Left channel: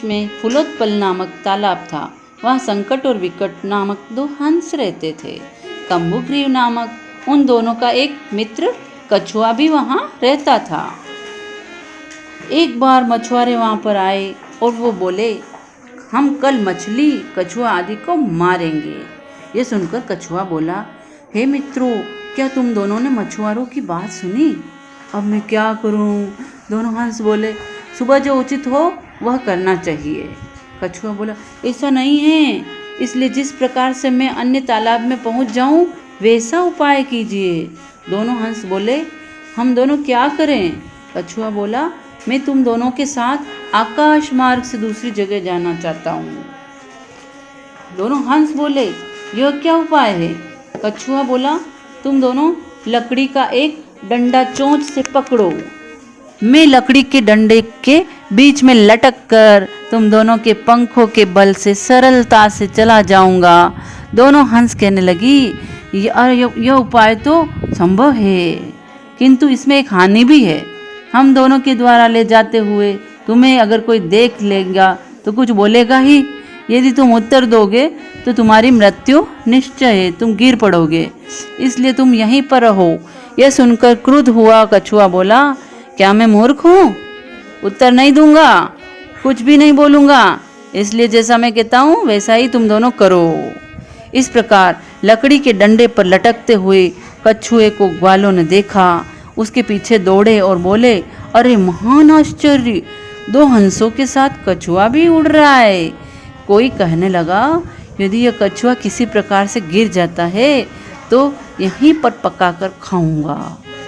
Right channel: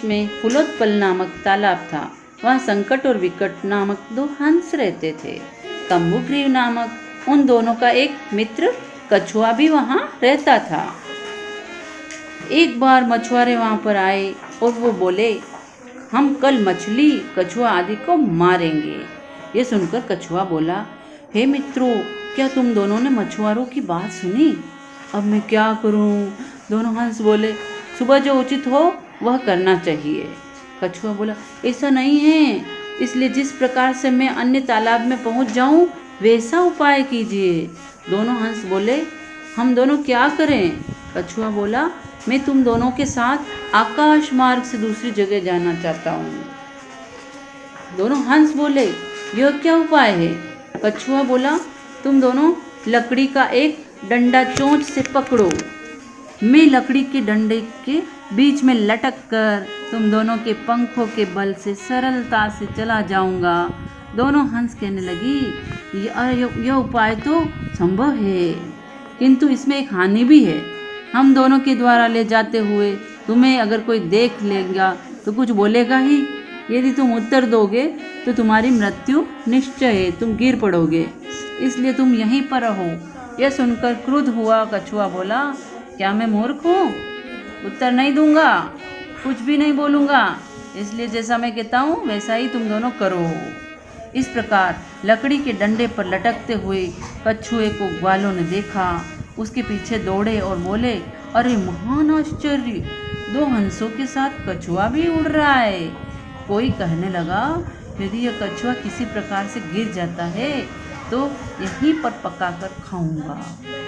बीच में फुलोत्पल नामक तालाब था। वहाँ संकट और विकट नामक दो हंस रहते थे। कंबुग्रीव नामक उन दोनों का एक मित्र कछुआ भी वहाँ रहता था। एक बार मछुआरे वहाँ पर आए और वो बोले, हम कल मछली, कछुआ आदि को मारेंगे। ये सुनकर कछुआ बोला, हे मित्रों, क्या तुम दोनों ने मछुआरों की बात सुनी? अब मैं क्या करूं? दोनों हंस बोले, सुबह जो उचित हो वह करना चाहिए। कछुआ बोला, ऐसा नहीं है, इसलिए जिस प्रकार से मैं अन्य तालाब में पहुंच जाऊं वैसा उपाय कीजिए। दोनों हंस बोले, हम दोनों क्या करें? कछुआ बोला, मैं तुम दोनों के साथ आकाश मार्ग से दूसरी जगह जाना चाहता हूँ। दोनों हंस बोले, यह क्या उपाय है? कछुआ बोला, तुम दोनों लकड़ी का एक डंडा चोंच से पकड़ो। मैं लकड़ी के डंडे के बीच में लटक कर तुम दोनों के पंखों के बल से सरलता से चला जाऊंगा। दोनों हंस कहने लगी, यह उपाय तो संभव है, किंतु इसमें एक हानि भी है। हम दोनों के द्वारा ले जाते हुए तुम्हें अगर कोई देख लेगा तो कुछ बोलेगा ही। यदि तुम उत्तर दोगे तो तुम्हारी मृत्यु निश्चय है, तुम गिर पड़ोगे, इसलिए तुम यहीं पर रहो। यह सुनकर क्रुद्ध हुआ कछुआ बोला, क्या मैं मूर्ख हूँ? उत्तर नहीं दूंगा, कुछ भी नहीं बोलूंगा, इसलिए जैसा मैं कहता हूँ वैसा ही तुम दोनों करो। इस प्रकार लकड़ी के डंडे पर लटकते हुए कछुए को ग्वालों ने देखा। उसके पीछे दौड़े और बोले, अरे महान आश्चर्य, दो हंसों के साथ कछुआ भी उड़ रहा है। कोई कहने लगा, यदि यह कछुआ किसी प्रकार से गिर जाता है तो यहीं पर पकाकर खाऊंगा।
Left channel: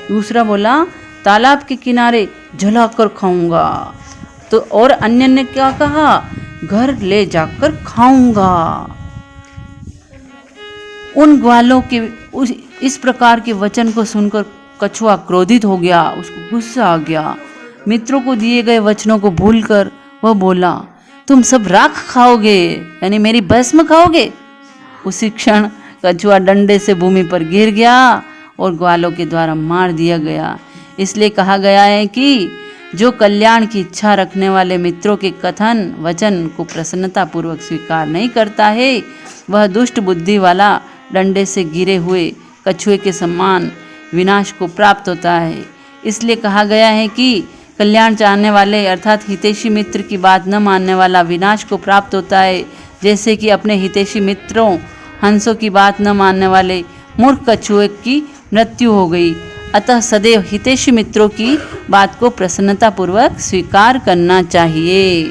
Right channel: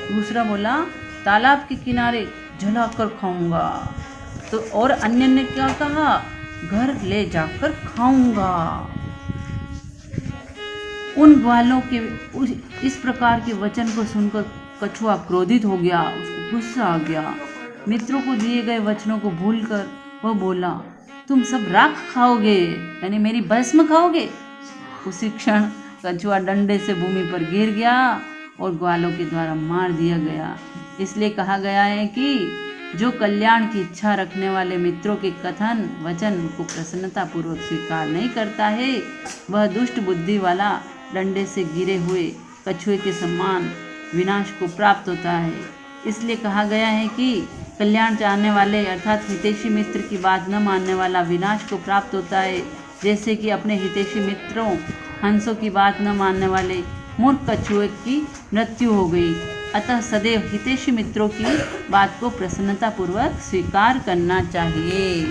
दूसरा बोला, तालाब के किनारे जलाकर खाऊंगा। तो और अन्य ने क्या कहा, घर ले जाकर खाऊंगा। उन ग्वालों के इस प्रकार के वचन को सुनकर कछुआ क्रोधित हो गया, उसको गुस्सा आ गया। मित्रों को दिए गए वचनों को भूलकर वह बोला, तुम सब राख खाओगे, यानी मेरी भस्म खाओगे। उसी क्षण कछुआ डंडे से भूमि पर गिर गया और ग्वालों के द्वारा मार दिया गया। इसलिए कहा गया है कि जो कल्याण की इच्छा रखने वाले मित्रों के कथन वचन को प्रसन्नता पूर्वक स्वीकार नहीं करता है, वह दुष्ट बुद्धि वाला डंडे से गिरे हुए कछुए के समान विनाश को प्राप्त होता है। इसलिए कहा गया है कि कल्याण चाहने वाले अर्थात हितैषी मित्र की बात न मानने वाला विनाश को प्राप्त होता है, जैसे कि अपने हितैषी मित्रों हंसों की बात न मानने वाले मूर्ख कछुए की मृत्यु हो गई। अतः सदैव हितैषी मित्रों की बात को प्रसन्नतापूर्वक स्वीकार करना चाहिए।